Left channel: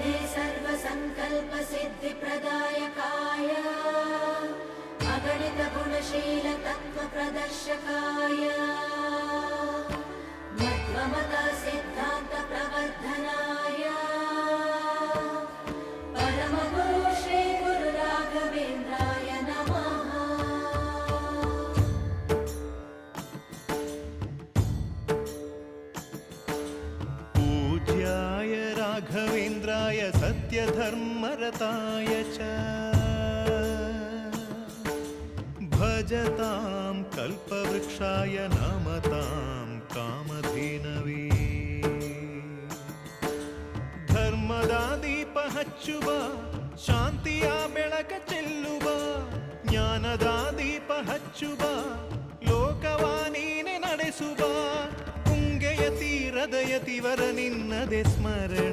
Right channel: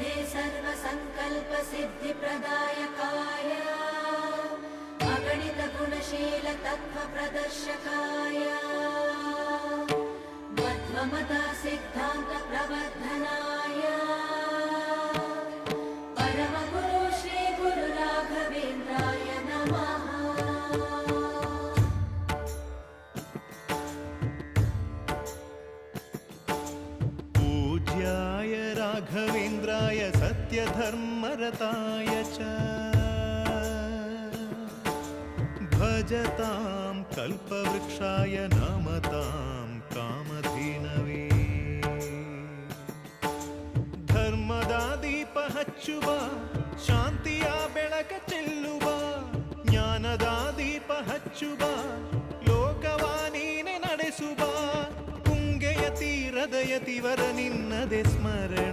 मेधे सर्वसङ्कल्पसिद्धिप्रदायकाय अगणितगुणशीलतत्त्वप्रदर्शकाय मध्वमता सिद्धान्तप्रवर्धनाय परमगुरु श्रीगुरुराघवेन्द्राय नमः। पूज्याय राघवेन्द्राय सत्यधर्मरताय च भजतां कल्पवृक्षाय नमतां कामधेनवे। ಧರ್ಮದ ದೀಪ ಹಚ್ಚುವ ಶಾಂತಿಯ ಬೆಳಕ ಚೆಲ್ಲುವ ಜ್ಞಾನದ ದೀಪ ಹಚ್ಚುವ ಲೋಕವ ನೀನೆ ನಡೆಸುವ ತುಂಗೆಯ ತೀರದ ಯತಿವರ ನಿನ್ನದೆ ಸ್ಮರಣ